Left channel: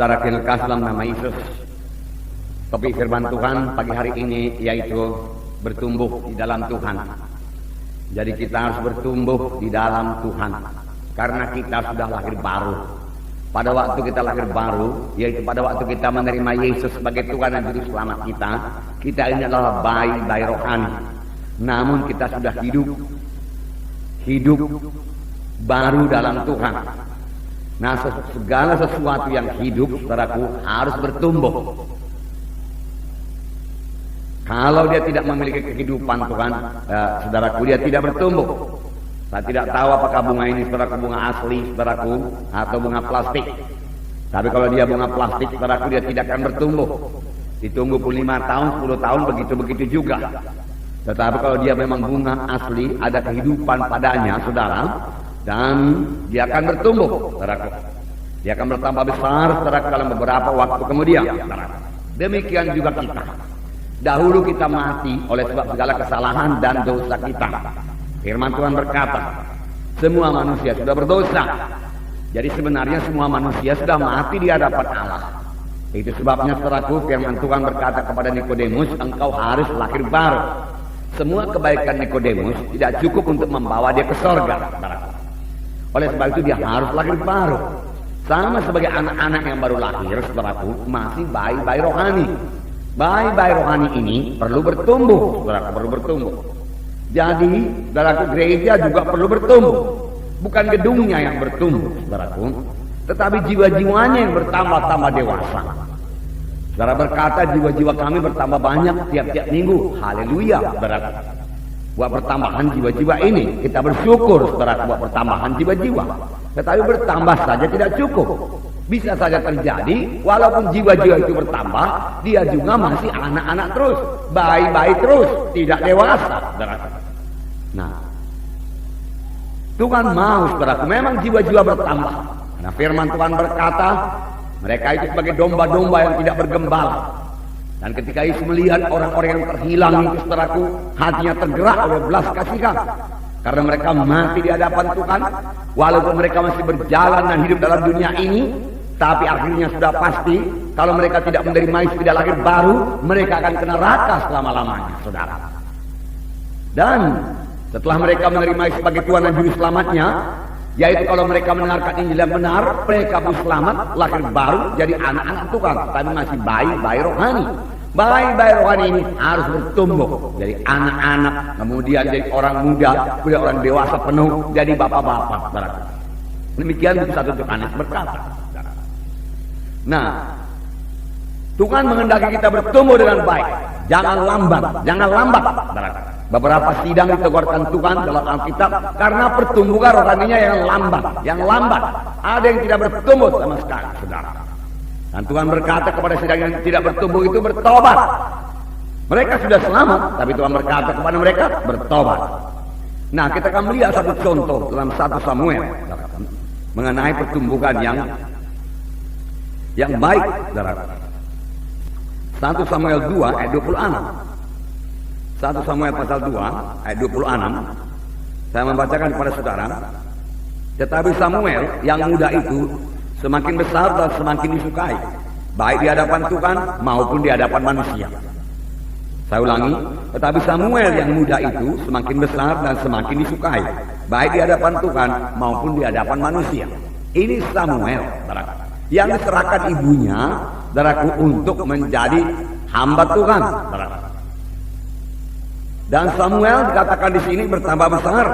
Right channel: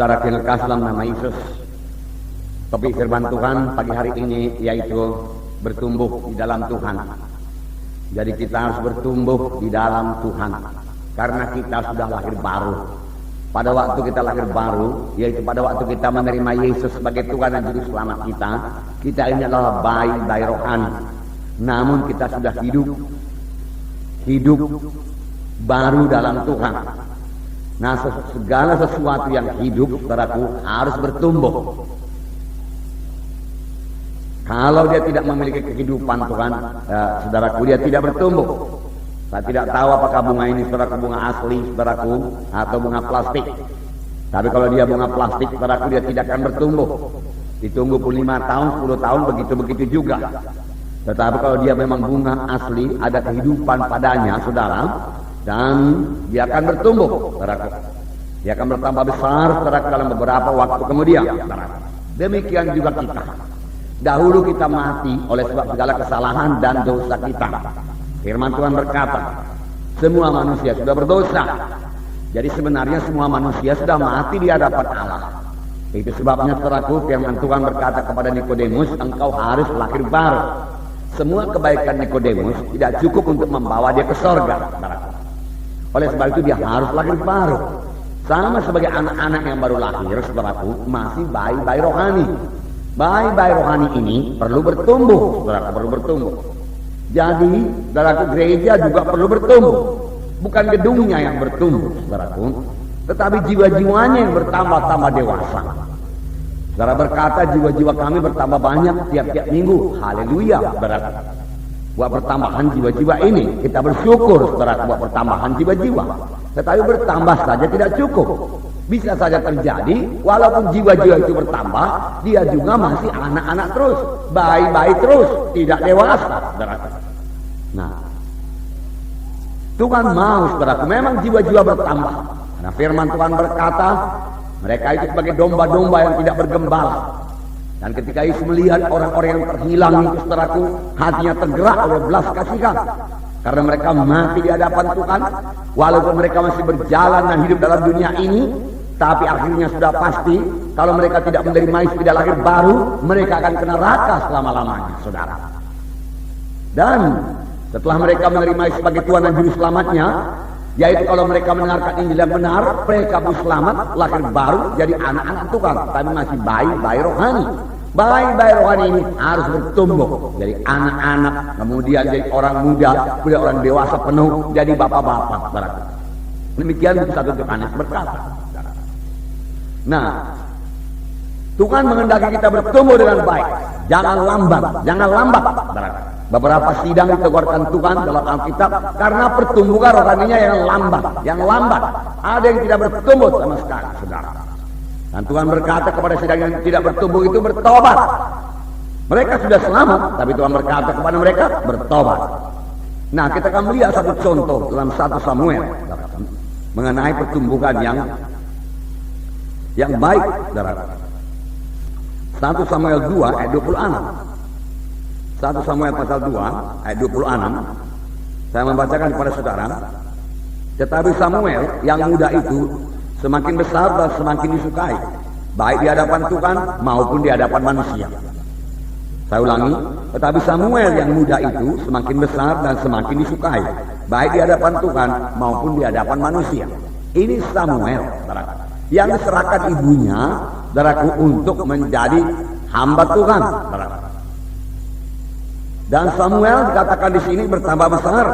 Saudara kekasih dalam nama Yesus, topik firman Tuhan pagi hari ini yaitu bertumbuh di dalam Tuhan. Jadi kita harus bertumbuh di dalam Tuhan karena kita sudah lahir baru. Pada waktu kita lahir baru, yaitu pada waktu kita menerima Yesus sebagai Tuhan dan Juru Selamat kita ini adalah bayi rohani. Namun kita sudah hidup baru dalam Tuhan. Nah, segala sesuatu yang hidup, saudaraku, harus bertumbuh. Kalau dia tidak memiliki kehidupan Tuhan, saudaraku, dia tidak bertumbuh. Saya tidak tahu apakah bunga ini, saudaraku, bunga asli, saudaraku, atau bunga plastik. Tapi kalau dia bunga plastik, saudaraku, dia tidak akan bertumbuh. Ditunggu pun 5 tahun, 10 tahun, begitu-begitu juga. Tetapi kalau dia memang bunga asli, ada kehidupan padanya, saudara, dan dia akan bertumbuh, saudaraku. Dia akan bertambah besar, saudaraku, dalam beberapa waktu kemudian, saudaraku. Demikian juga kita. Dahulu kita mati oleh sebab segala kesalahan dan dosa kita. Firman Tuhan berkata, semua manusia sudah berdosa. Jadi sebenarnya semua manusia sudah mati di hadapan Allah. Itu sebabnya, saudaraku, firman Tuhan berkata kepada Nikodemus, engkau harus lahir baru. Semua kebaikan Nikodemus tidak cukup untuk membawa dia ke sorga, saudaraku. Oleh sebab itu dia harus lahir baru. Sama sebagai anak-anak yang baru lahir, saudaraku, masih bayi-bayi rohani. Bayi-bayi rohani ini perlu bertumbuh, saudaraku, perlu bertumbuh. Jadi, saudaraku, gereja juga perlu bertumbuh. Bukan gedungnya yang bertumbuh, saudaraku, tetapi jiwa-jiwanya yang bertambah-tambah dewasa. Saudara berkata, jiwa-jiwa kami bertambah banyak tiap-tiap minggu. Haleluya, saudaraku. Buat pertambahan jiwa-jiwa ini, kita bersyukur, saudaraku, buat pertambahan jiwa-jiwa. Tetapi bertambah saja tidak cukup. Bisa saja terjadi, walaupun jiwa-jiwa itu bertambah, dia juga masih anak-anak terus, bayi-bayi terus, tidak dewasa, saudaraku. Nah, Tuhan mau, saudaraku, memang jiwa-jiwa bertambah. Karena firman Tuhan berkata, mereka itu sebagai domba-domba yang tidak bergembala. Dan ketika Yesus melihat orang-orang yang terhilang itu, saudaraku, hatinya tergerak oleh belas kasihan. Karena mereka mati di hadapan Tuhan, walaupun mereka masih berjalan dan hidup dalam dunia ini, tapi akhirnya sudah pasti, kalau mereka tidak menerima Yesus, tidak lahir baru, mereka akan kena neraka selama-lamanya, saudara. Dan setelah mereka menerima Yesus sebagai Tuhan dan Juru Selamatnya, yaitu kalau mereka mendengarkan Injil yang benar, mereka pun selamat, lahir baru, jadi anak-anak Tuhan, tapi masih bayi-bayi rohani. Bayi-bayi rohani ini harus bertumbuh, jadi anak-anak, kemudian jadi orang muda, kemudian orang dewasa penuh, jadi bapak-bapak. Demikian bisa Yohanes berkata. Nah, Tuhan menghendaki kita bertumbuh dengan baik, jangan lambat. Beberapa sidang diteguhkan Tuhan dalam Alkitab karena pertumbuhan rohaninya yang lambat. Ada yang tidak bertumbuh sama sekali, saudara. Dan Tuhan berkata kepada sidang yang tidak bertumbuh itu bertobat. Mereka sudah selamat, tapi Tuhan berkata kepada mereka bertobat. Nah, kita akan melihat satu contoh dalam 1 Samuel mengenai pertumbuhan yang baik, saudara. 1 Samuel 2 ayat 26. 1 Samuel pasal 2 ayat 26. Saya membacakan kepada saudara. Tetapi Samuel yang muda itu semakin besar dan semakin disukai, baik di hadapan Tuhan maupun di hadapan manusia. Saya ulangi, tetapi Samuel yang muda itu semakin besar dan semakin disukai, baik di hadapan Tuhan maupun di hadapan manusia. Ini Samuel, saudara, yang diserahkan ibunya, saudaraku, untuk menjadi hamba Tuhan, saudara. Dan Samuel dikatakan di sini bertambah besar,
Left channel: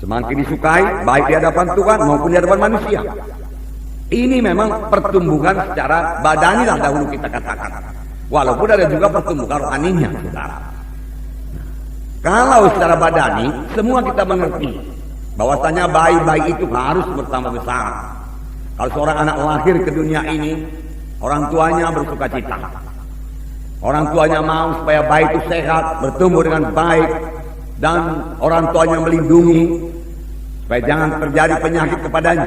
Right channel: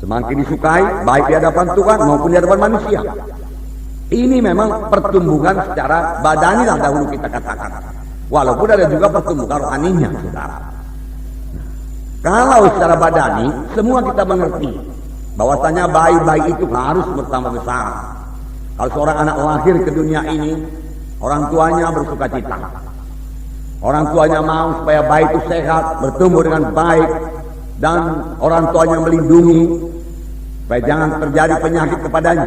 semakin disukai, baik di hadapan Tuhan maupun di hadapan manusia. Ini memang pertumbuhan secara badani lah dahulu kita katakan. Walaupun ada juga pertumbuhan rohaninya, saudara. Kalau secara badani, semua kita mengerti bahwasanya bayi-bayi itu harus bertambah besar. Kalau seorang anak lahir ke dunia ini, orang tuanya bersuka cita. Orang tuanya mau supaya bayi itu sehat, bertumbuh dengan baik, dan orang tuanya melindungi supaya jangan terjadi penyakit kepadanya.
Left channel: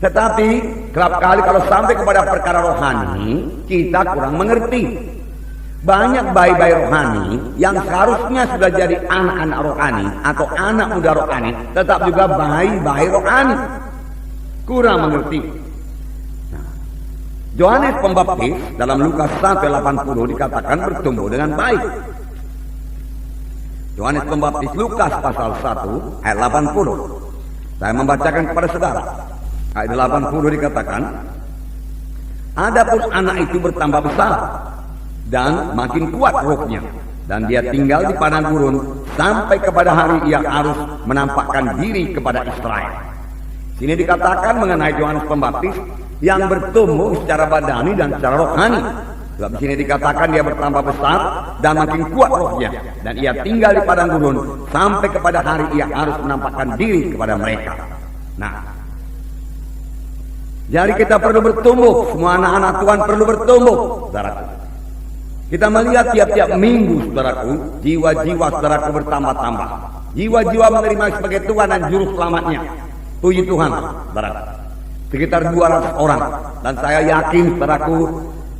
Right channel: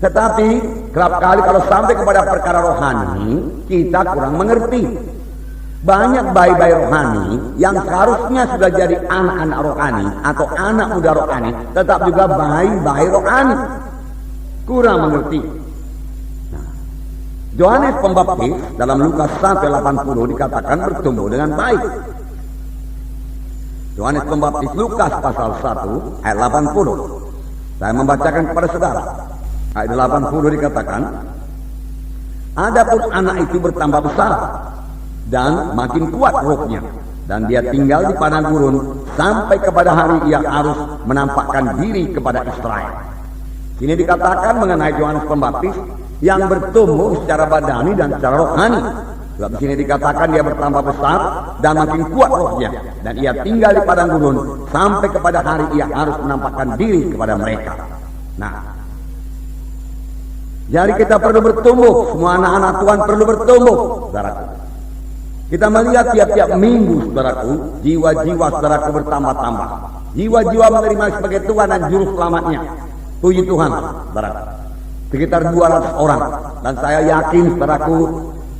Tetapi kerap kali kalau sampai kepada perkara rohani, kita kurang mengerti. Banyak bayi-bayi rohani yang seharusnya sudah jadi anak-anak rohani atau anak muda rohani, tetap juga bayi-bayi rohani. Kurang mengerti. Yohanes Pembaptis dalam Lukas 1:80 dikatakan bertumbuh dengan baik. Yohanes Pembaptis Lukas pasal 1 ayat 80. Saya membacakan kepada saudara. Ayat 80 dikatakan, adapun anak itu bertambah besar dan makin kuat rohnya, dan dia tinggal di padang gurun sampai kepada hari ia harus menampakkan diri kepada Israel. Sini dikatakan mengenai Yohanes Pembaptis yang bertumbuh secara badani dan secara rohani. Sebab di sini dikatakan dia bertambah besar dan makin kuat rohnya, dan ia tinggal di padang gurun sampai kepada hari ia harus menampakkan diri kepada mereka. Nah, jadi kita perlu bertumbuh, semua anak-anak Tuhan perlu bertumbuh, saudaraku. Kita melihat tiap-tiap minggu, saudaraku, jiwa-jiwa saudaraku bertambah-tambah. Jiwa-jiwa menerima sebagai Tuhan dan Juru Selamatnya. Puji Tuhan, saudaraku. Sekitar 200 orang. Dan saya yakin, saudaraku,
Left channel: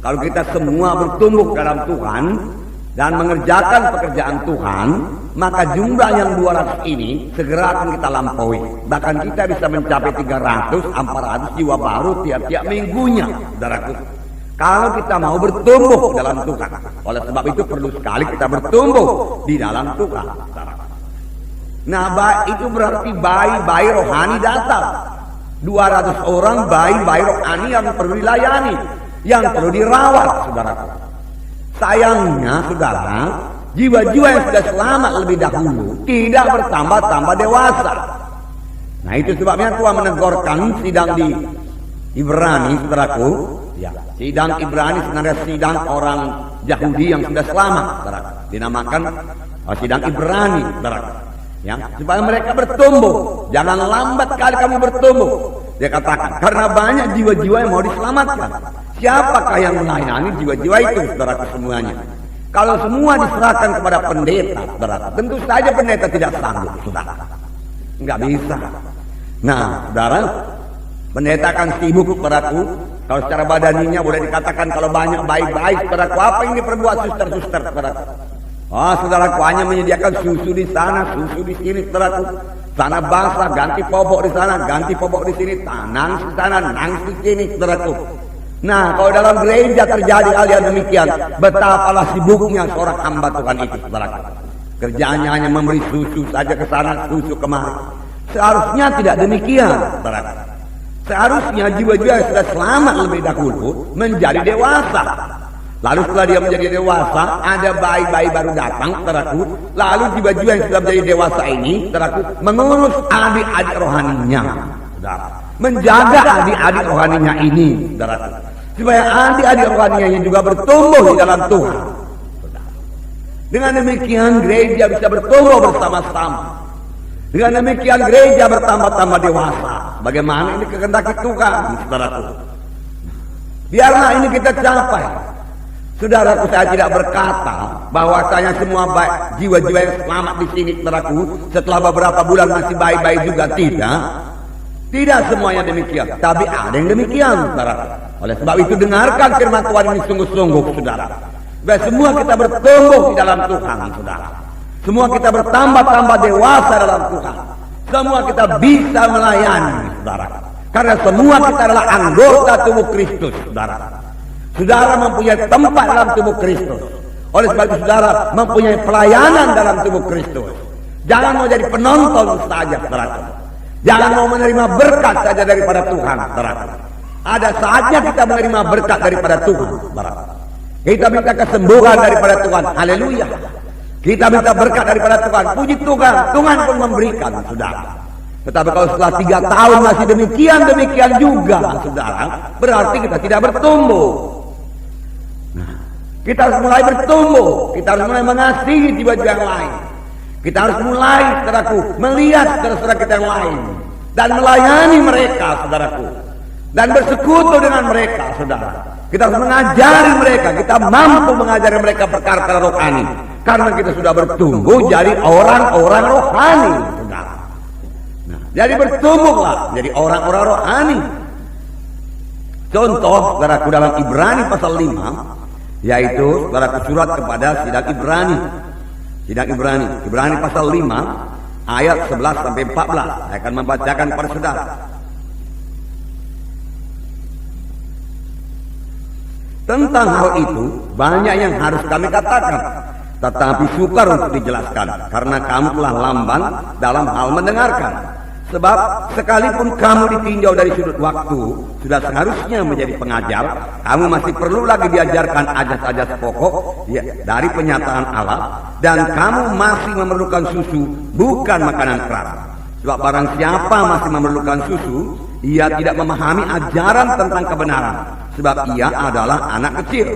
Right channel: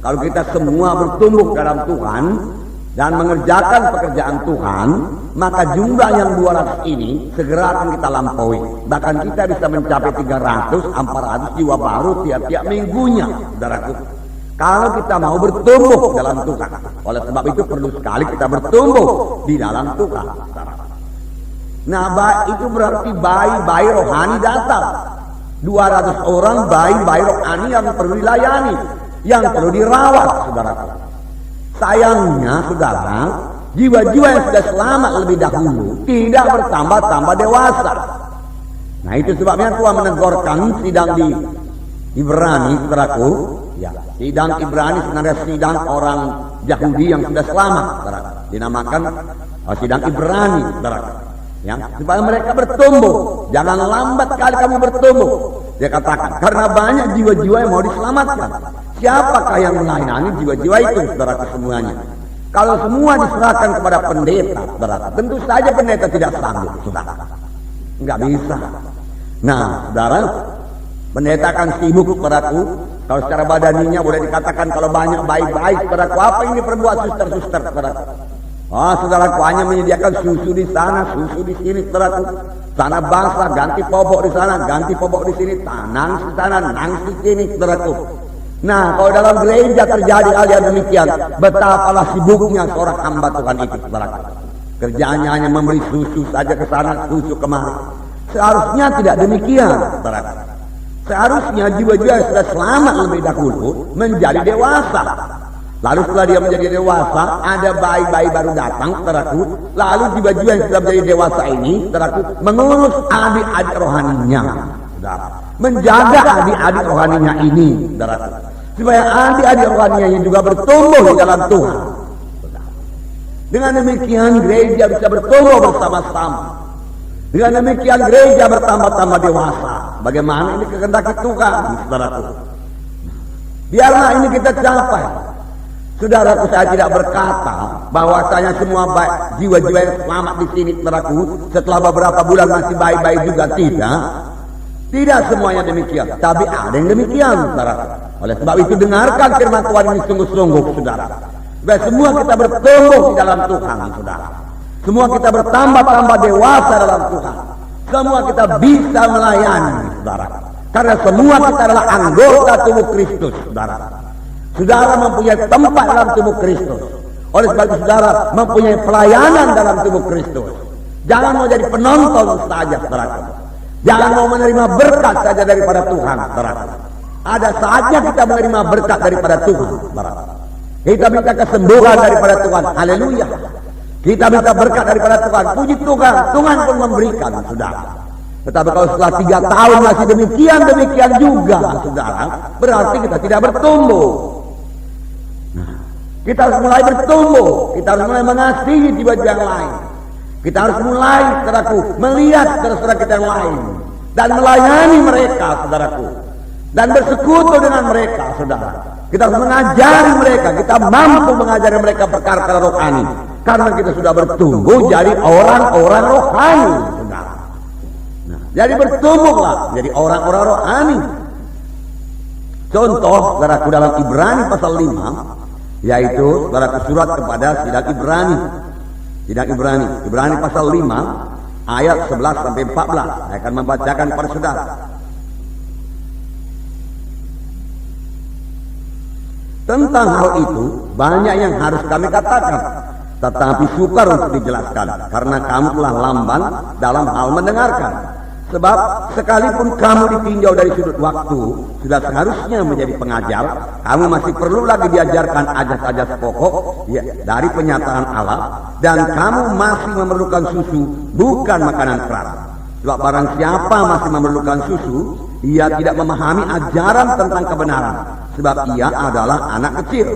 kalau kita semua bertumbuh dalam Tuhan dan mengerjakan pekerjaan Tuhan, maka jumlah yang 200 ini segera akan kita lampaui. Bahkan kita bisa mencapai 300-400 jiwa baru tiap-tiap minggunya, saudaraku. Kalau kita mau bertumbuh dalam Tuhan. Oleh sebab itu perlu sekali kita bertumbuh di dalam Tuhan. Nah, itu berarti bayi-bayi rohani datang. 200 orang bayi-bayi rohani yang perlu dilayani, yang perlu dirawat, saudara. Sayangnya, saudara, jiwa-jiwa yang sudah selamat lebih dahulu tidak bertambah-tambah dewasa. Nah, itu sebabnya Tuhan menegurkan sidang di Ibrani, saudaraku. Ya, sidang Ibrani sebenarnya sidang orang Yahudi yang sudah selamat, saudaraku. Dinamakan sidang Ibrani, saudaraku. Ya, supaya mereka bertumbuh. Jangan lambat kali kamu bertumbuh. Dia katakan, karena banyak jiwa-jiwa yang mau diselamatkan. Siapakah yang melayani jiwa-jiwa itu, saudaraku semuanya? Kalau semua diserahkan kepada pendeta, saudara, tentu saja pendeta tidak sanggup, saudara. Enggak bisa. Nah, saudara, pendeta akan sibuk, saudaraku. Kalau secara badaninya boleh dikatakan kalau banyak baik-baik, saudaraku, apa yang diperbuat suster-suster, saudaraku? Saudaraku hanya menyediakan susu di sana, susu di sini, saudaraku. Sana basah, ganti popok di sana, ganti popok di sini, nangis di sana, nangis di sini, saudaraku. Nah, kalau dalam gereja terjadi hal yang demikian, betapalah sibuknya seorang hamba Tuhan itu, saudaraku. Kerjaannya hanya memberi susu saja ke sana, susu kemari. Seharusnya tidak demikian, saudaraku. Seharusnya jiwa-jiwa yang sudah selamat lebih dahulu menjadi dewasa. Lalu setelah dia menjadi dewasa, ada bayi-bayi baru datang, saudaraku. Lalu jiwa-jiwa yang sudah menjadi dewasa ini, saudaraku, mengurus adik-adik rohaninya, saudara. Menjaga adik-adik rohaninya ini, saudaraku. Supaya adik-adik rohaninya juga bertumbuh di dalam Tuhan. Dengan demikian gereja bisa bertumbuh bersama-sama. Dengan demikian gereja bertambah-tambah dewasa. Bagaimana ini kehendaki Tuhan, saudaraku. Biarlah ini kita capai. Saudaraku, saya tidak berkata bahwasanya semua baik jiwa-jiwa yang selamat di sini, saudaraku, setelah beberapa bulan masih baik-baik juga, tidak. Tidak semuanya demikian, tapi ada yang demikian, saudaraku. Oleh sebab itu dengarkan firman Tuhan ini sungguh-sungguh, saudara. Supaya semua kita bertumbuh di dalam Tuhan, saudara. Semua kita bertambah-tambah dewasa dalam Tuhan. Semua kita bisa melayani, saudara. Karena semua kita adalah anggota tubuh Kristus, saudara. Saudara mempunyai tempat dalam tubuh Kristus. Oleh sebab itu saudara mempunyai pelayanan dalam tubuh Kristus. Jangan mau jadi penonton saja, saudara. Jangan mau menerima berkat saja daripada Tuhan, saudara. Ada saatnya kita menerima berkat daripada Tuhan, saudara. Kita minta kesembuhan daripada Tuhan, haleluya. Kita minta berkat daripada Tuhan, puji Tuhan. Tuhan pun memberikan, saudara. Tetapi kalau setelah 3 tahun masih demikian juga, saudara, berarti kita tidak bertumbuh. Nah, kita harus mulai bertumbuh. Kita harus mulai mengasihi jiwa-jiwa yang lain. Kita harus mulai, saudaraku, melihat saudara-saudara kita yang lain dan melayani mereka, saudaraku, dan bersekutu dengan mereka, saudara. Kita harus mengajari mereka. Kita mampu mengajari mereka perkara-perkara rohani karena kita sudah bertumbuh jadi orang-orang rohani, saudara. Nah, jadi bertumbuhlah jadi orang-orang rohani. Contoh, saudaraku, dalam Ibrani pasal 5, yaitu saudaraku surat kepada sidang Ibrani. Sidang Ibrani, Ibrani pasal 5 ayat 11 sampai 14. Saya akan membacakan kepada saudara. Tentang hal itu banyak yang harus kami katakan, tetapi sukar untuk dijelaskan karena kamu telah lamban dalam hal mendengarkan. Sebab sekalipun kamu ditinjau dari sudut waktu, sudah seharusnya menjadi pengajar, kamu masih perlu lagi diajarkan ajas-ajas pokok dari penyataan Allah, dan kamu masih memerlukan susu, bukan makanan keras. Sebab barang siapa masih memerlukan susu, ia tidak memahami ajaran tentang kebenaran, sebab ia adalah anak kecil.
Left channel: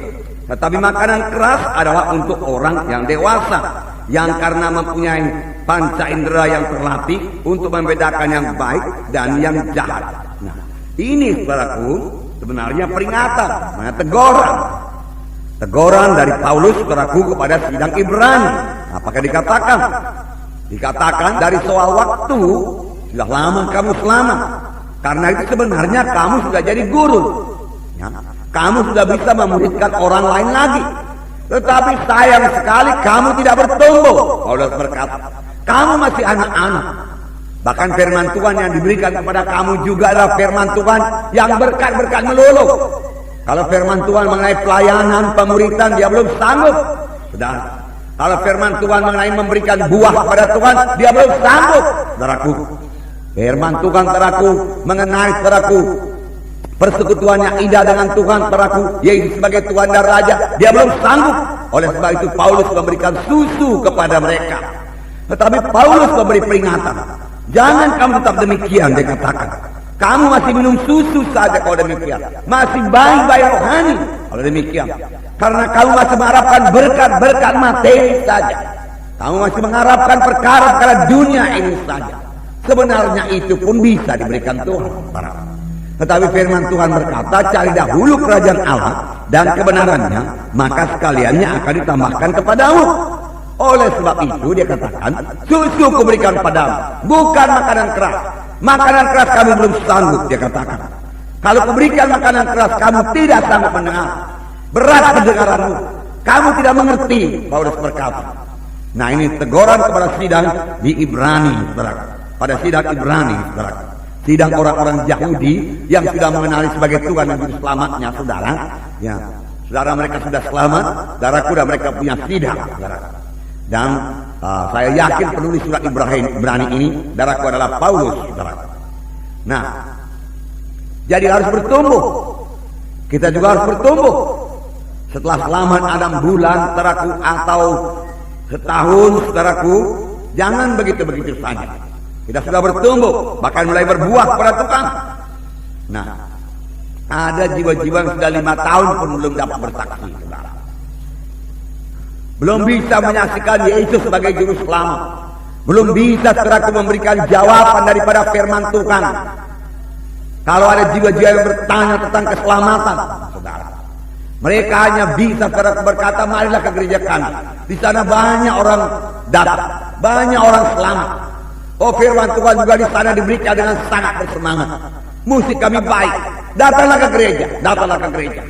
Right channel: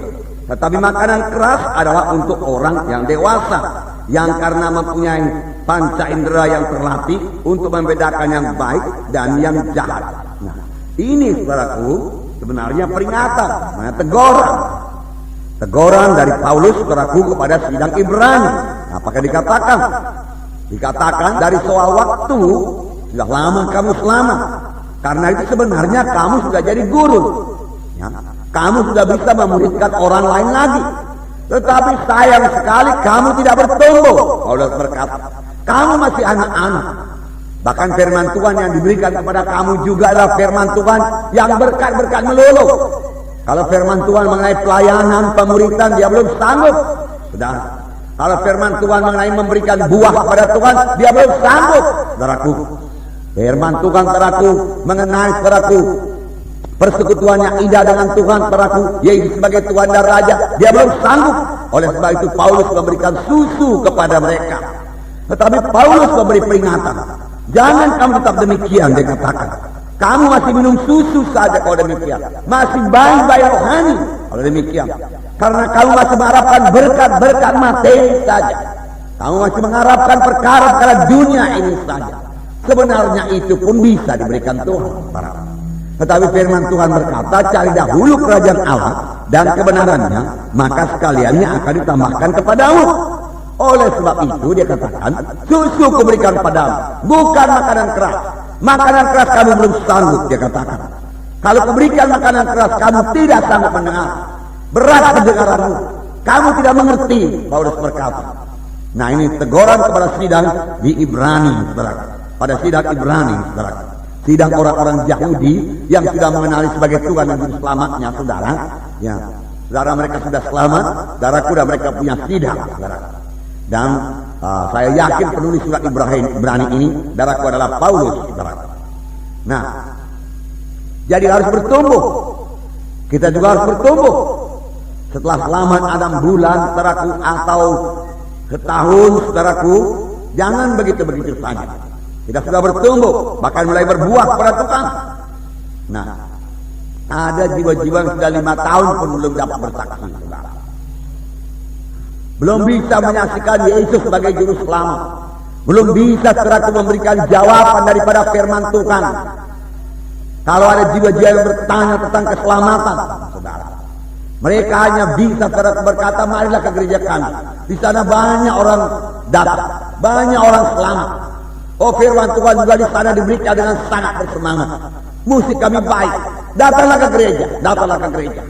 Tetapi makanan keras adalah untuk orang yang dewasa, yang karena mempunyai panca indera yang terlatih untuk membedakan yang baik dan yang jahat. Nah, ini saudaraku sebenarnya peringatan, teguran. Teguran dari Paulus saudaraku kepada sidang Ibrani. Apakah dikatakan? Dikatakan dari soal waktu, sudah lama kamu selamat. Karena itu sebenarnya kamu sudah jadi guru. Ya, kamu sudah bisa memuridkan orang lain lagi. Tetapi sayang sekali kamu tidak bertumbuh. Paulus berkata, kamu masih anak-anak. Bahkan firman Tuhan yang diberikan kepada kamu juga adalah firman Tuhan yang berkat-berkat melulu. Kalau firman Tuhan mengenai pelayanan, pemuritan, dia belum sanggup. Saudara, kalau firman Tuhan mengenai memberikan buah kepada Tuhan, dia belum sanggup. Saudaraku, firman Tuhan saudaraku mengenai saudaraku persekutuan yang indah dengan Tuhan saudaraku, yaitu sebagai Tuhan dan Raja, dia belum sanggup. Oleh sebab itu Paulus memberikan susu kepada mereka. Tetapi Paulus memberi peringatan, jangan kamu tetap demikian. Dia katakan, kamu masih minum susu saja kalau demikian, masih bayi-bayi rohani kalau demikian, karena kamu masih mengharapkan berkat-berkat materi saja. Kamu masih mengharapkan perkara-perkara dunia ini saja. Sebenarnya itu pun bisa diberikan Tuhan. Tetapi firman Tuhan berkata, cari dahulu kerajaan Allah dan kebenarannya, maka sekaliannya akan ditambahkan kepadamu. Oleh sebab itu dia katakan, susu kuberikan padamu, bukan makanan keras. Makanan keras kamu belum sanggup, dia katakan. Kalau kuberikan makanan keras, kamu tidak sanggup mendengar. Berat pendengaranmu, kamu tidak mengerti, Paulus berkata. Nah, ini teguran kepada sidang di Ibrani, saudara. Pada sidang Ibrani, saudara. Sidang orang-orang Yahudi yang sudah mengenali sebagai Tuhan dan Juru Selamatnya, saudara. Ya, saudara, mereka sudah selamat, saudaraku, dan mereka punya sidang, saudara. Dan saya yakin penulis surat Ibrani ini, saudaraku, adalah Paulus, saudara. Nah, jadi harus bertumbuh. Kita juga harus bertumbuh. Setelah selamat 6 bulan, saudaraku, atau setahun, saudaraku, jangan begitu-begitu saja. Kita sudah bertumbuh, bahkan mulai berbuah kepada Tuhan. Nah, ada jiwa-jiwa yang sudah 5 tahun pun belum dapat bersaksi, saudara. Belum bisa menyaksikan Yesus sebagai Juru Selamat. Belum bisa saudaraku memberikan jawaban daripada firman Tuhan. Kalau ada jiwa-jiwa yang bertanya tentang keselamatan, saudara, mereka hanya bisa saudaraku berkata, marilah ke gereja kami. Di sana banyak orang datang, banyak orang selamat. Oh, firman Tuhan juga di sana diberikan dengan sangat bersemangat. Musik kami baik. Datanglah ke gereja, datanglah ke gereja.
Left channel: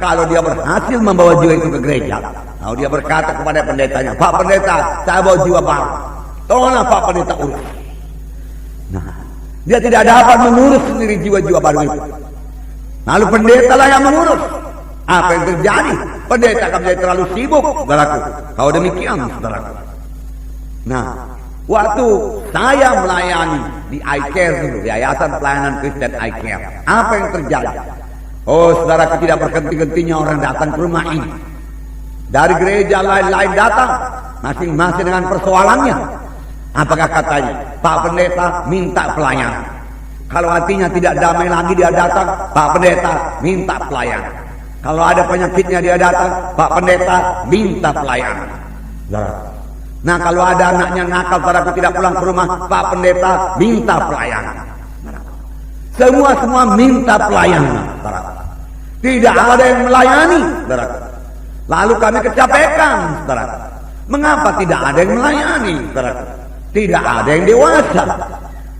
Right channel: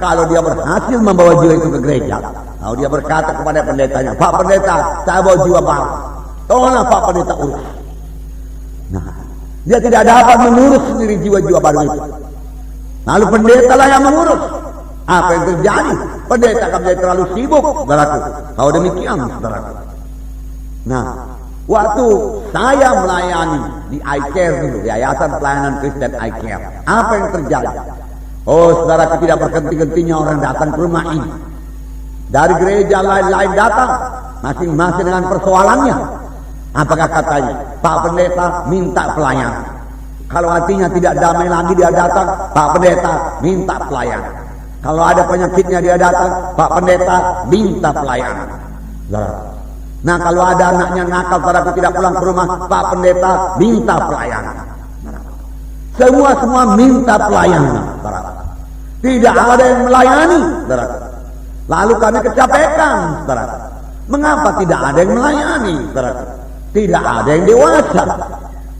Kalau dia berhasil membawa jiwa itu ke gereja, kalau dia berkata kepada pendetanya, Pak Pendeta, saya bawa jiwa baru. Tolonglah Pak Pendeta urus. Nah, dia tidak dapat mengurus sendiri jiwa-jiwa baru itu. Lalu pendeta lah yang mengurus. Apa yang terjadi? Pendeta akan menjadi terlalu sibuk, saudaraku. Kalau demikian, saudaraku. Nah, waktu saya melayani di iCare dulu, di Yayasan Pelayanan Kristen iCare, apa yang terjadi? Oh, saudaraku, tidak berhenti-hentinya orang datang ke rumah ini. Dari gereja lain-lain datang, masing-masing dengan persoalannya. Apakah katanya, Pak Pendeta minta pelayanan. Kalau hatinya tidak damai lagi dia datang, Pak Pendeta minta pelayanan. Kalau ada penyakitnya dia datang, Pak Pendeta minta pelayanan. Nah, kalau ada anaknya nakal, saudaraku, tidak pulang ke rumah, Pak Pendeta minta pelayanan. Semua minta pelayanan, saudaraku. Tidak ada yang melayani, saudaraku. Lalu kami kecapekan, saudaraku. Mengapa tidak ada yang melayani, saudaraku? Tidak ada yang dewasa.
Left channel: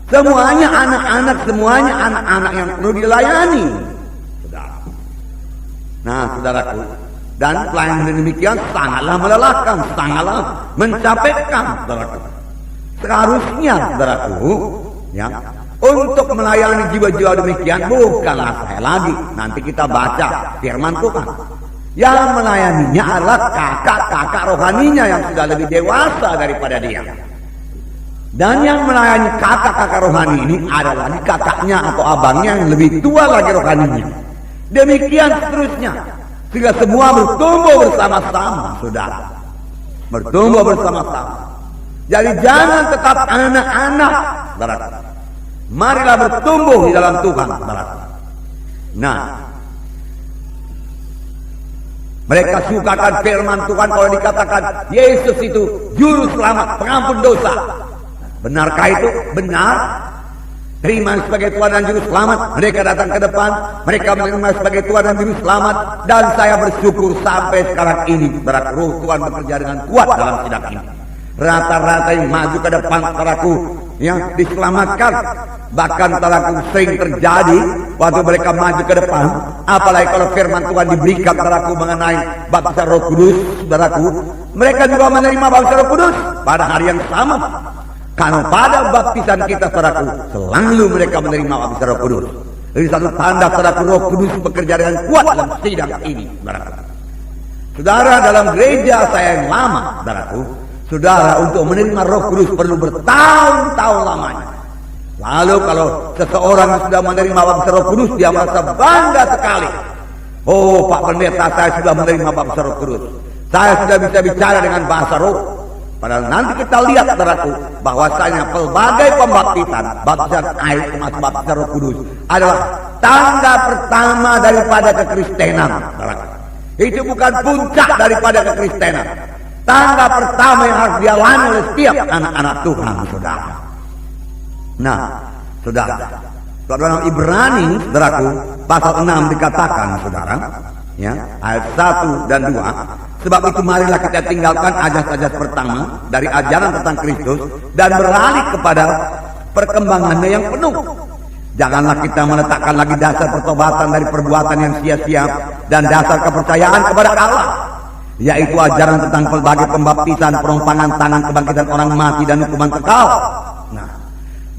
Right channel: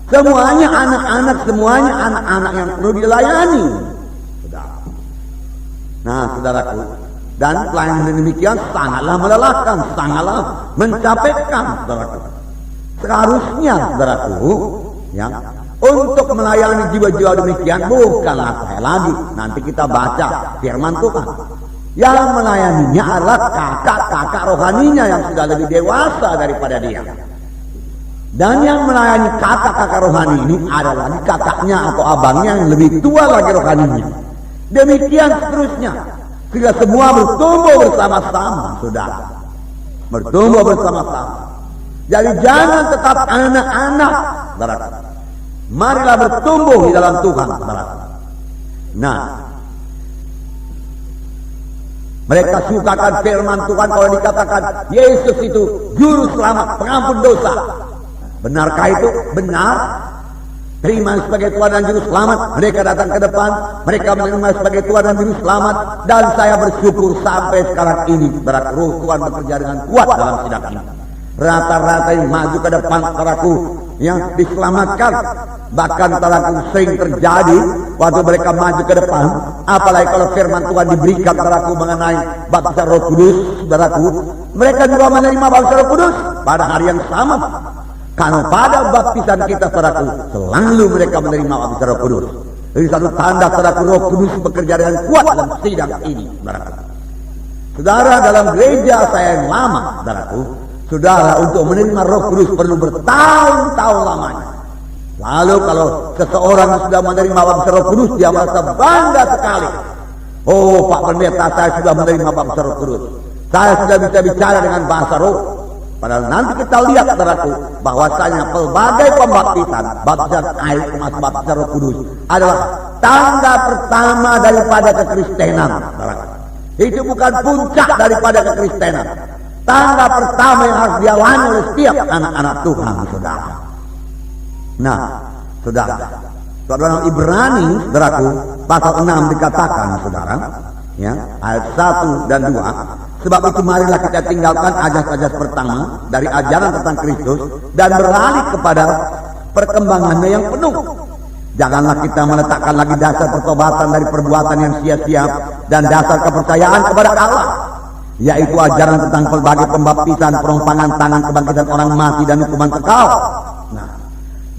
Semuanya anak-anak, semuanya anak-anak yang perlu dilayani, saudaraku. Nah, saudaraku, dan pelayanan demikian sangatlah melelahkan, sangatlah mencapekkan, saudaraku. Seharusnya, saudaraku, ya, untuk melayani jiwa-jiwa demikian bukanlah saya lagi. Nanti kita baca firman Tuhan. Yang melayaninya adalah kakak-kakak rohaninya yang sudah lebih dewasa daripada dia. Dan yang melayani kakak-kakak rohani ini adalah kakaknya atau abangnya yang lebih tua lagi rohaninya. Demikian seterusnya. Sehingga semua bertumbuh bersama-sama, saudara. Bertumbuh bersama-sama. Jadi jangan tetap anak-anak, saudara. Marilah bertumbuh di dalam Tuhan, saudara. Nah, mereka sukakan firman Tuhan kalau dikatakan Yesus itu juru selamat, pengampun dosa. Benarkah itu? Benar. Terima sebagai Tuhan dan Juru Selamat. Mereka datang ke depan, mereka menerima sebagai Tuhan dan Juru Selamat. Dan saya bersyukur sampai sekarang ini Roh Tuhan bekerja dengan kuat dalam sidang ini. Rata-rata yang maju ke depan saudaraku yang diselamatkan. Bahkan saudaraku sering terjadi waktu mereka maju ke depan. Apalagi kalau firman Tuhan diberikan saudaraku mengenai baptisan Roh Kudus, saudaraku, mereka juga menerima baptisan Roh Kudus pada hari yang sama. Karena pada baptisan kita saudaraku selalu mereka menerima baptisan Roh Kudus. Jadi satu tanda saudaraku Roh Kudus bekerja dengan kuat dalam sidang ini, saudaraku. Saudara, dalam gereja saya yang lama, saudaraku, saudara untuk menerima Roh Kudus perlu bertahun-tahun lamanya. Lalu kalau seseorang sudah menerima baptisan Roh Kudus, dia merasa bangga sekali. Oh, Pak Pendeta, saya sudah menerima baptisan Roh Kudus. Saya sudah bisa bicara dengan bahasa roh. Padahal nanti kita lihat saudaraku bahwasanya pelbagai pembaptisan, baptisan air termasuk baptisan Roh Kudus adalah tanda pertama daripada kekristenan, saudaraku. Itu bukan puncak daripada kekristenan. Tanda pertama yang harus dialami oleh setiap anak-anak Tuhan, saudara. Nah, saudara, dalam Ibrani, saudaraku, pasal 6 dikatakan, saudara, ya, ayat 1 dan 2. Sebab itu marilah kita tinggalkan ajas-ajas pertama dari ajaran tentang Kristus dan beralih kepada perkembangannya yang penuh. Janganlah kita meletakkan lagi dasar pertobatan dari perbuatan yang sia-sia dan dasar kepercayaan kepada Allah, yaitu ajaran tentang pelbagai pembaptisan, perompangan tangan, kebangkitan orang mati dan hukuman kekal. Nah,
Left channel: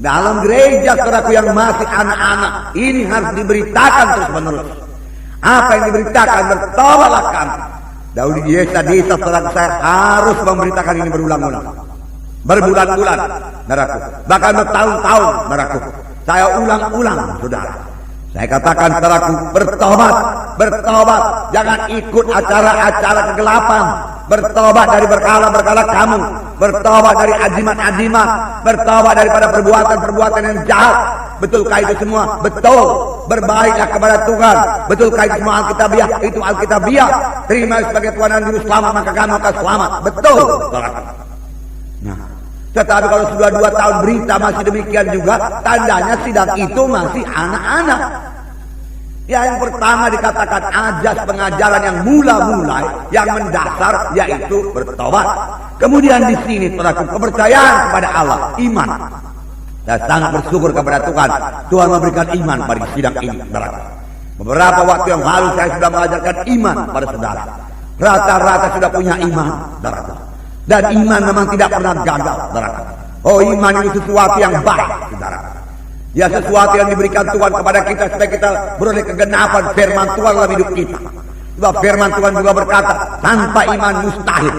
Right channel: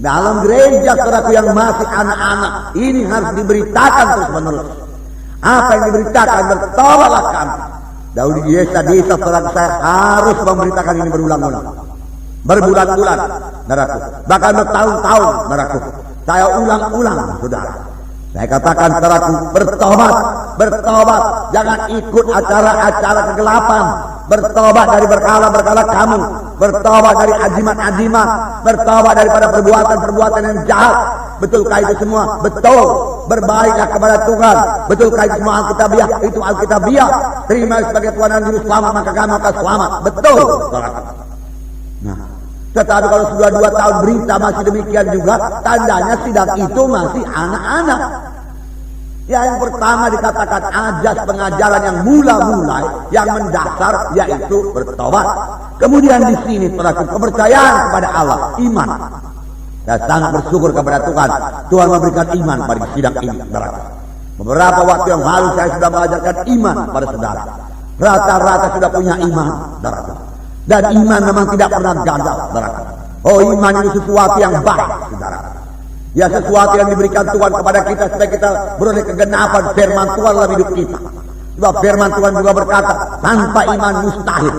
dalam gereja saudaraku yang masih anak-anak ini harus diberitakan terus-menerus. Apa yang diberitakan? Bertobatlah kamu. Dahulu di desa-desa saudara saya harus memberitakan ini berulang-ulang, berbulan-bulan, saudaraku, bahkan bertahun-tahun, saudaraku. Saya ulang-ulang, saudara. Saya katakan saudaraku, bertobat, bertobat, jangan ikut acara-acara kegelapan, bertobat dari berkala-berkala kamu, bertobat dari ajimat-ajimat, bertobat daripada perbuatan-perbuatan yang jahat. Betulkah itu semua? Betul. Berbaiklah kepada Tuhan. Betulkah itu semua Alkitabiah? Itu Alkitabiah. Terima sebagai Tuhan dan Juru Selamat, maka kamu akan selamat. Betul. Nah, tetapi kalau sudah 2 tahun berita masih demikian juga, tandanya sidang itu masih anak-anak. Ya, yang pertama dikatakan ajas pengajaran yang mula-mula, yang mendasar, yaitu bertobat. Kemudian di sini terdapat kepercayaan kepada Allah, iman. Dan sangat bersyukur kepada Tuhan. Tuhan memberikan iman pada sidang ini, saudara. Beberapa waktu yang lalu saya sudah mengajarkan iman pada saudara. Rata-rata sudah punya iman, saudara. Dan iman memang tidak pernah gagal, saudara. Oh, iman itu sesuatu yang baik, saudara. Ya, sesuatu yang diberikan Tuhan kepada kita supaya kita beroleh kegenapan firman Tuhan dalam hidup kita. Sebab firman Tuhan juga berkata, tanpa iman mustahil.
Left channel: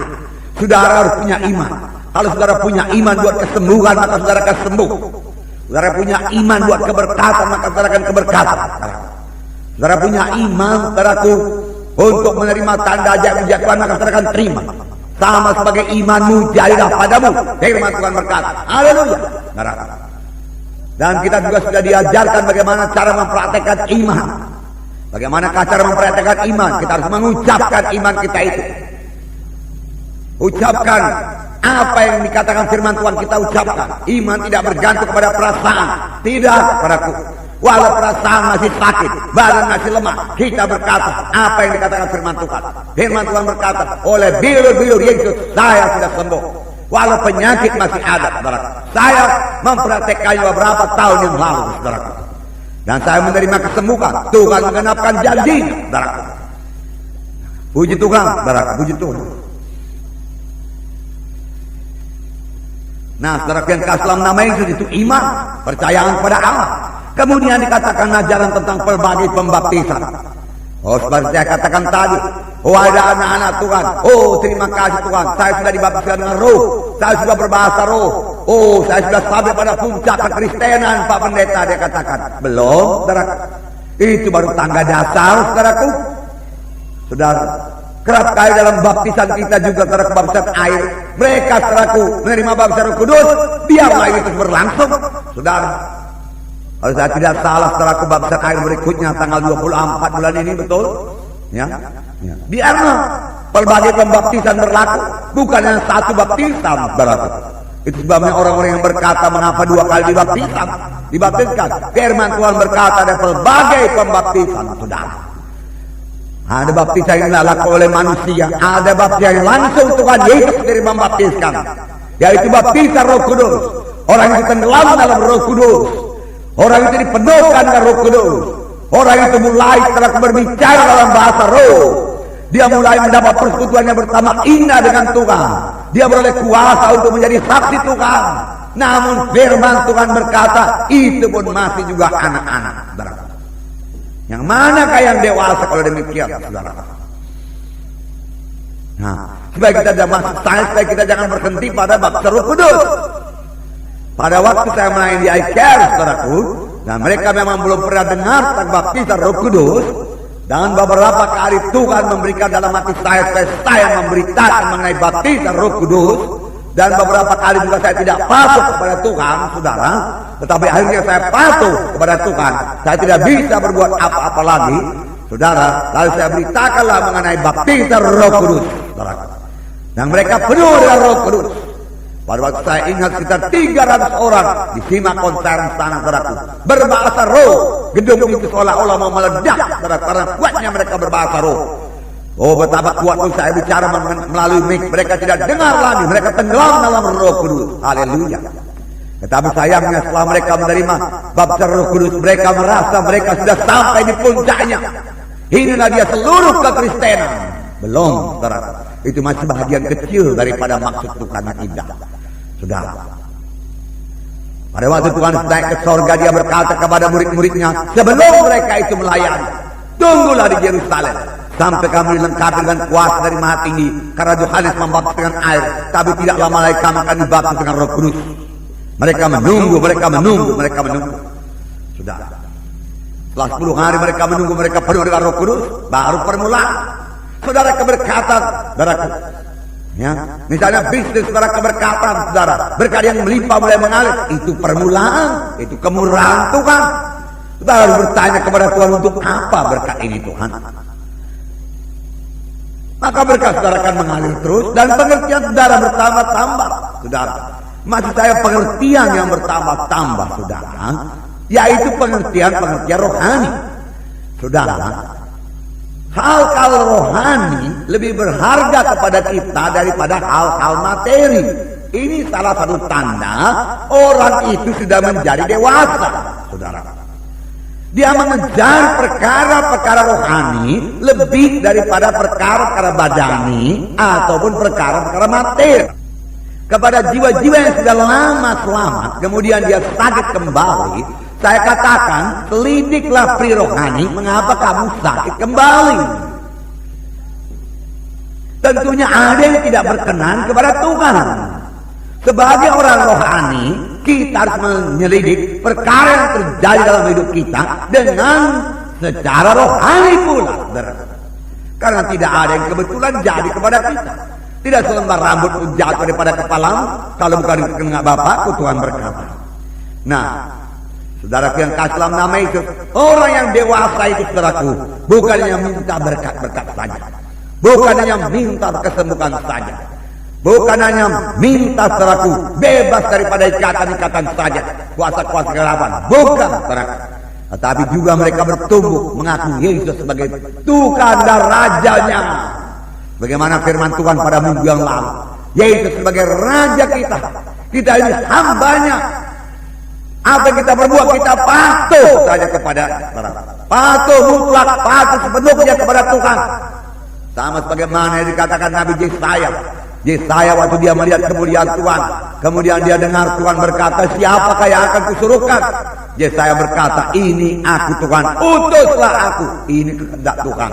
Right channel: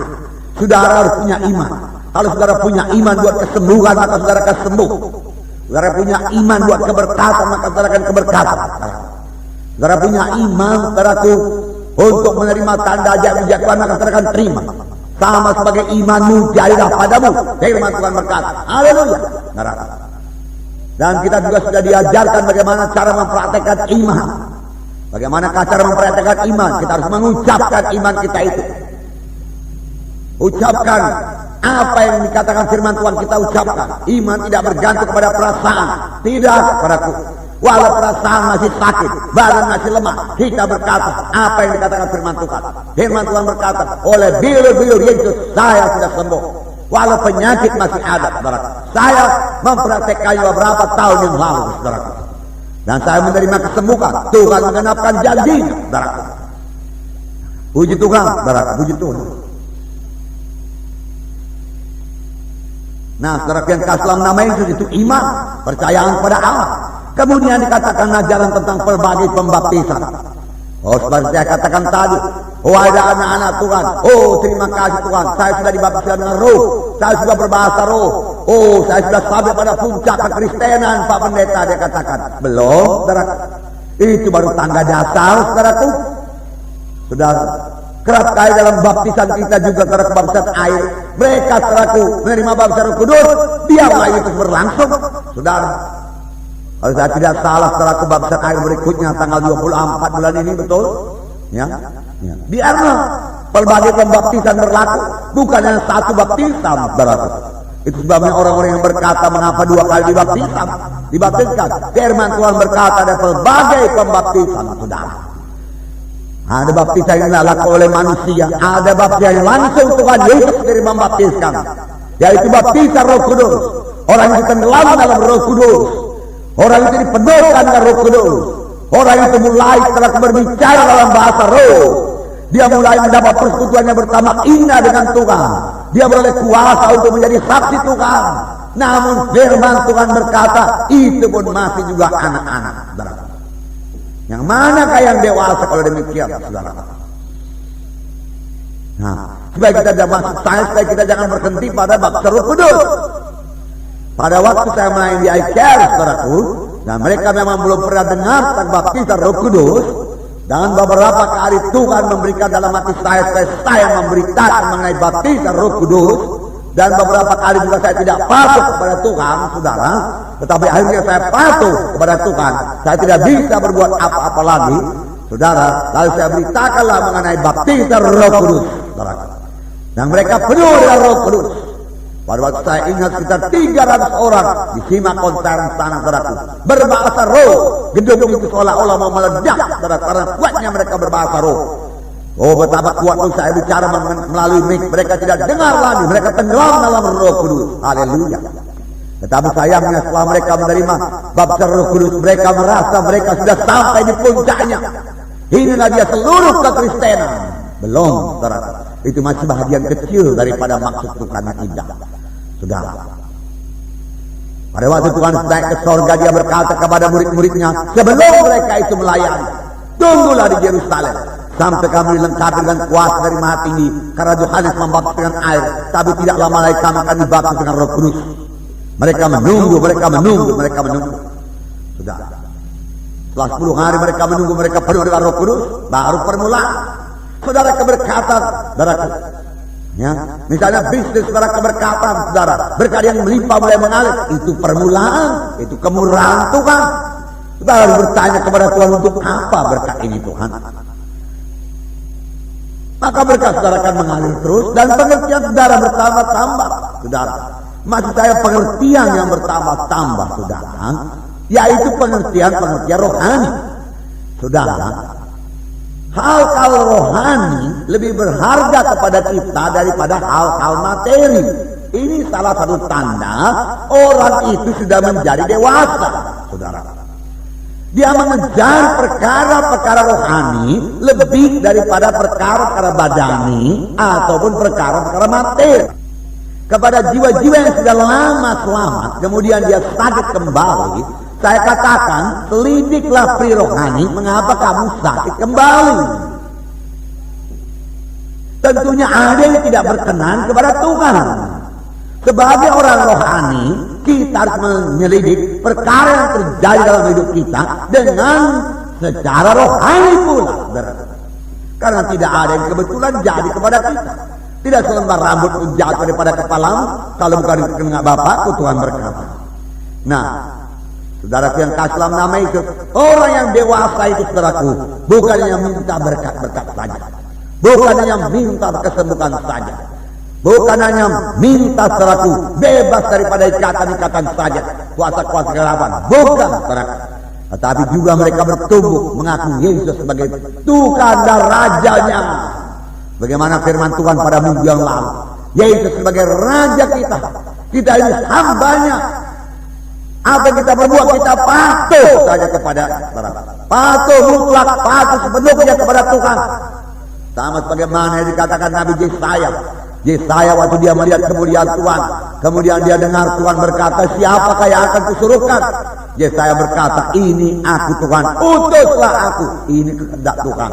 Saudara harus punya iman. Kalau saudara punya iman buat kesembuhan, maka saudara akan sembuh. Saudara punya iman buat keberkatan, maka saudara akan keberkatan. Saudara punya iman, saudaraku, untuk menerima tanda ajaib mujizat Tuhan, maka saudara akan terima. Sama sebagai imanmu jadilah padamu. Firman Tuhan berkata, haleluya. Dan kita juga sudah diajarkan bagaimana cara mempraktekkan iman. Bagaimana cara mempraktekkan iman? Kita harus mengucapkan iman kita itu. Ucapkan apa yang dikatakan firman Tuhan, kita ucapkan. Iman tidak bergantung kepada perasaan. Tidak, saudaraku. Walau perasaan masih sakit, badan masih lemah, kita berkata apa yang dikatakan firman Tuhan. Firman Tuhan berkata, oleh bilur-bilur Yesus saya sudah sembuh. Walau penyakit masih ada, saudaraku. Saya mempraktekannya beberapa tahun yang lalu, saudaraku. Dan saya menerima kesembuhan. Tuhan mengenapkan janjinya, saudaraku. Puji Tuhan, saudaraku, puji Tuhan. Nah, saudaraku yang ke-6 nama Yesus itu iman, percayaan kepada Allah. Kemudian dikatakan ajaran tentang pelbagai pembaptisan. Oh, seperti saya katakan tadi, Oh ada anak-anak Tuhan. Oh terima kasih Tuhan. Saya sudah dibaptiskan dengan roh. Saya sudah berbahasa roh. Oh saya sudah sampai pada puncak kekristenan Pak Pendeta, dia katakan. Belum, saudara. Itu baru tangga dasar, saudaraku. Saudara, kerap kali dalam baptisan kita juga saudara, baptisan air. Mereka saudaraku menerima baptisan Roh Kudus. Biarlah itu berlangsung, saudara. Kalau saya tidak salah, saudaraku, baptisan air berikutnya tanggal 24 bulan ini, betul? Ya. Biarlah pelbagai pembaptisan berlaku, bukan yang satu baptisan, saudaraku. Itu sebabnya orang-orang yang berkata mengapa 2 kali dibaptiskan. Firman Tuhan berkata ada pelbagai pembaptisan, saudara. Ada baptisan yang dilakukan oleh manusia, ada baptisan yang langsung Tuhan Yesus sendiri membaptiskan, yaitu baptisan Roh Kudus. Orang itu tenggelam dalam Roh Kudus, orang itu dipenuhkan dengan Roh Kudus. Orang itu mulai setelah berbicara dalam bahasa roh. Dia mulai mendapat persekutuan yang pertama indah dengan Tuhan. Dia beroleh kuasa untuk menjadi saksi Tuhan. Namun firman Tuhan berkata, itu pun masih juga anak-anak, saudara. Yang manakah yang dewasa kalau demikian, saudara? Nah, supaya kita jangan masuk sains, supaya kita jangan berhenti pada baptisan Roh Kudus. Pada waktu saya melayani di ICAR, saudaraku, dan mereka memang belum pernah dengar tentang baptisan Roh Kudus. Dan beberapa kali Tuhan memberikan dalam hati saya memberitakan mengenai baptisan Roh Kudus. Dan beberapa kali juga saya tidak patuh kepada Tuhan, saudara. Tetapi akhirnya saya patuh kepada Tuhan. Saya tidak bisa berbuat apa-apa lagi, saudara. Lalu saya beritakanlah mengenai baptisan Roh Kudus, saudara. Dan mereka penuh dengan Roh Kudus. Pada waktu saya ingat sekitar 300 orang disimak konser sana, saudaraku, berbahasa roh. Gedung itu seolah-olah mau meledak, saudara, karena kuatnya mereka berbahasa roh. Oh betapa kuat pun saya bicara melalui mic, mereka tidak dengar lagi, mereka tenggelam dalam Roh Kudus. Haleluya. Tetapi sayangnya setelah mereka menerima baptisan Roh Kudus, mereka merasa mereka sudah sampai di puncaknya. Inilah dia seluruh kekristenan. Belum, saudara. Itu masih bahagian kecil daripada maksud Tuhan yang indah, saudara. Pada waktu Tuhan naik ke sorga, dia berkata kepada murid-muridnya, sebelum mereka itu melayani, tunggulah di Yerusalem sampai kami dilengkapi dengan kuasa dari Maha Tinggi, karena Yohanes membaptis dengan air, tapi tidak lama lagi kami akan dibaptis dengan Roh Kudus. Mereka menunggu, saudara. Setelah 10 hari mereka menunggu, mereka penuh dengan Roh Kudus, baru permulaan. Saudara, keberkatan, saudaraku. Ya, misalnya bisnis, saudara, keberkatan, saudara, berkat yang melimpah mulai mengalir, itu permulaan, itu kemurahan Tuhan. Saudara harus bertanya kepada Tuhan, untuk apa berkat ini Tuhan? Maka berkat saudara akan mengalir terus, dan pengertian saudara bertambah-tambah, saudara. Maksud saya pengertian yang bertambah-tambah, saudara, yaitu pengertian rohani, saudara. Hal-hal rohani lebih berharga kepada kita daripada hal-hal materi. Ini salah satu tanda orang itu sudah menjadi dewasa, saudara. Dia mengejar perkara-perkara rohani lebih daripada perkara-perkara badani ataupun perkara-perkara materi. Kepada jiwa-jiwa yang sudah lama selamat, kemudian dia sakit kembali, saya katakan, selidiklah pri rohani, mengapa kamu sakit kembali. Tentunya ada yang tidak berkenan kepada Tuhan. Sebagai orang rohani, kita harus menyelidik perkara yang terjadi dalam hidup kita dengan secara rohani pula. Karena tidak ada yang kebetulan jadi kepada kita. Tidak selembar rambut pun jatuh daripada kepalamu, kalau bukan kena Bapakku, Tuhan berkata. Nah, saudaraku yang kasih dalam nama itu, orang yang dewasa itu, saudaraku, bukan yang minta berkat-berkat saja, bukan hanya minta kesembuhan saja, bukan hanya minta, saudaraku, bebas daripada ikatan-ikatan saja, kuasa-kuasa kegelapan, bukan, saudaraku, tetapi juga mereka bertumbuh mengakui Yesus sebagai Tuhan dan Rajanya. Bagaimana firman Tuhan pada minggu yang lalu, Yesus sebagai Raja kita, kita ini hambanya. Apa yang kita berbuat, kita patuh saja kepada Tuhan. Patuh mutlak, patuh sepenuhnya kepada Tuhan. Sama sebagaimana yang dikatakan Nabi Yesaya. Yesaya waktu dia melihat kemuliaan Tuhan, kemudian dia dengar Tuhan berkata, siapakah yang akan kusuruhkan? Yesaya berkata, ini aku Tuhan, utuslah aku. Ini kehendak Tuhan.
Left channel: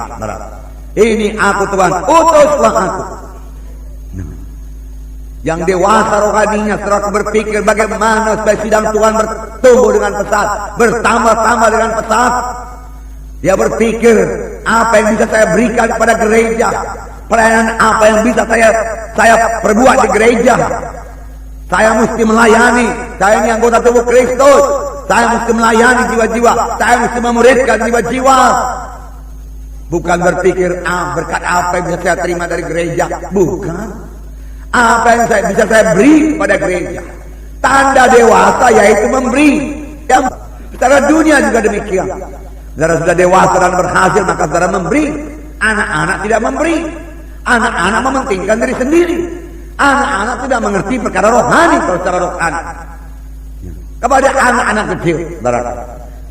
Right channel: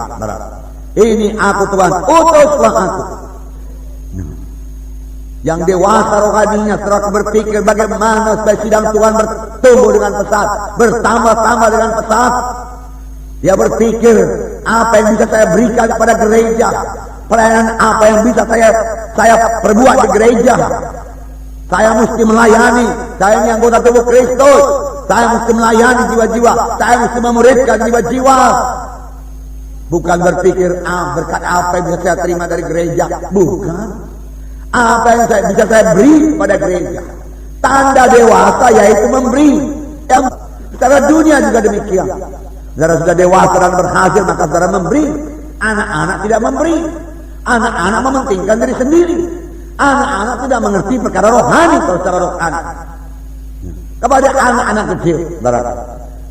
Ini aku Tuhan, utuslah aku. Yang dewasa rohaninya setelah aku berpikir bagaimana supaya sidang Tuhan bertumbuh dengan pesat, bertambah-tambah dengan pesat. Dia berpikir apa yang bisa saya berikan kepada gereja, pelayanan apa yang bisa saya perbuat di gereja. Saya mesti melayani, saya ini anggota tubuh Kristus. Saya mesti melayani jiwa-jiwa, saya mesti memuridkan jiwa-jiwa. Bukan berpikir berkat apa yang bisa saya terima dari gereja, bukan. Apa yang bisa saya beri kepada gereja. Tanda dewasa yaitu memberi. Yang secara dunia juga demikian. Saudara sudah dewasa dan berhasil, maka saudara memberi. Anak-anak tidak memberi. Anak-anak mementingkan diri sendiri. Anak-anak tidak mengerti perkara rohani kalau secara rohani. Kepada anak-anak kecil,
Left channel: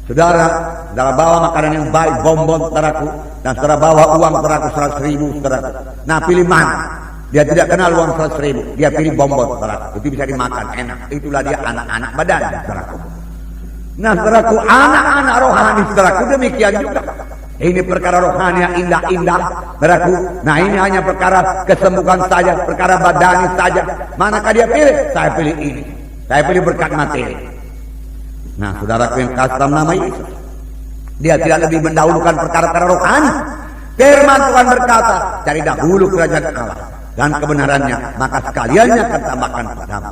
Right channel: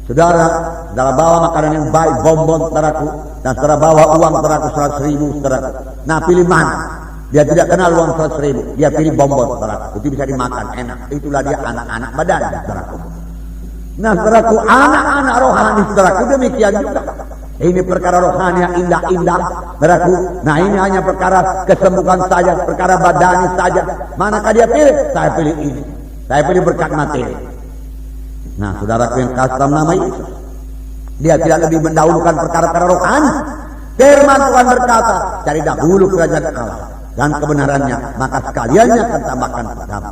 saudara bawa makanan yang baik, bonbon, saudaraku, dan saudara bawa uang saudaraku 100.000, saudaraku. Nah, pilih mana? Dia tidak kenal uang 100.000, dia pilih bonbon, saudaraku. Itu bisa dimakan, enak. Itulah dia anak-anak badan, saudaraku. Nah, saudaraku, anak-anak rohani, saudaraku, demikian juga. Ini perkara rohani yang indah-indah, saudaraku. Nah, ini hanya perkara kesembuhan saja, perkara badani saja. Manakah dia pilih? Saya pilih ini. Saya pilih berkat materi. Nah, saudaraku yang kasih dalam nama Yesus, dia tidak lebih mendahulukan perkara-perkara rohani. Firman Tuhan berkata, cari dahulu kerajaan Allah dan kebenarannya, maka sekaliannya akan tambahkan padamu.